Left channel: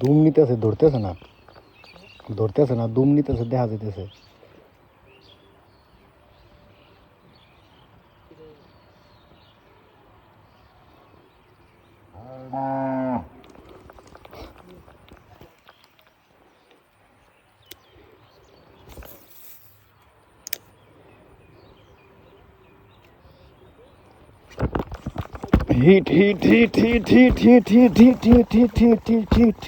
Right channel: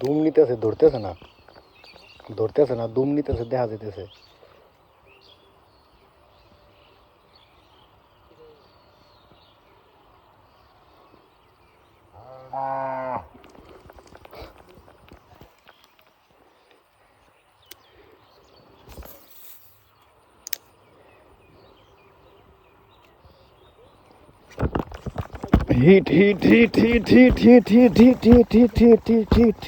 দুম নিতেছে, ধরতেছে না, দুম নিতেছে, দেখা যেতেছে। Hit hit hit hit hit hit hit hit hit hit hit hit hit.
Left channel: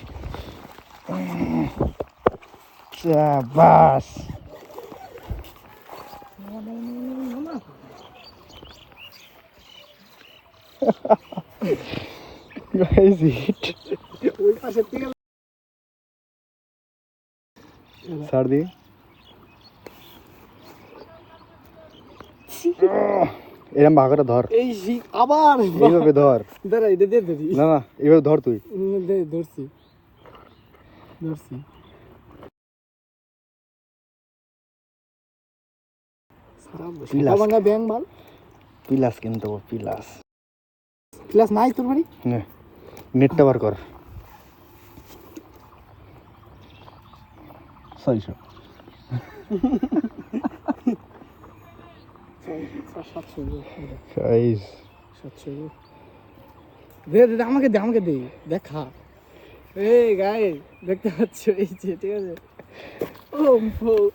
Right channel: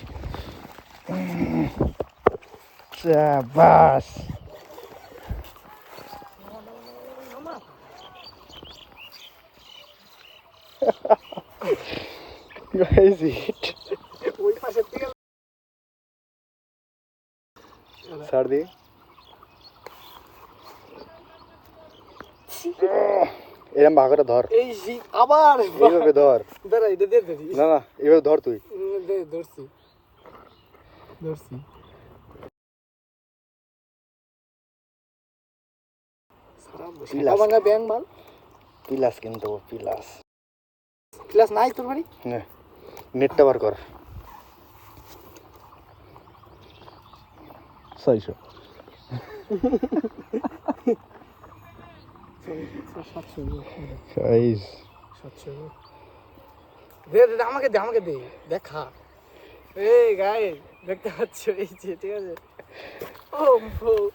Bus ওই পাশে থেকে ছাড় দি। এরম ভাগ করে ধর, এই আবার এইভাবে ধর। দাঁড়া, এটা দিয়ে দিবি না এভাবে ধর তুই। ধরছি ধরছি। পিলাস ব্যাং বল, পিলাস কিনতে হবে, পিলাস। ক্লাস নাই তোর বাড়ি? না, নেটটা বার কর। 600 দে দে, আমাকে দে, আমাকে দে, দেখা। এই গায়ে দেখতে পাচ্ছ, এই যে, ঠিক আছে। ও খুব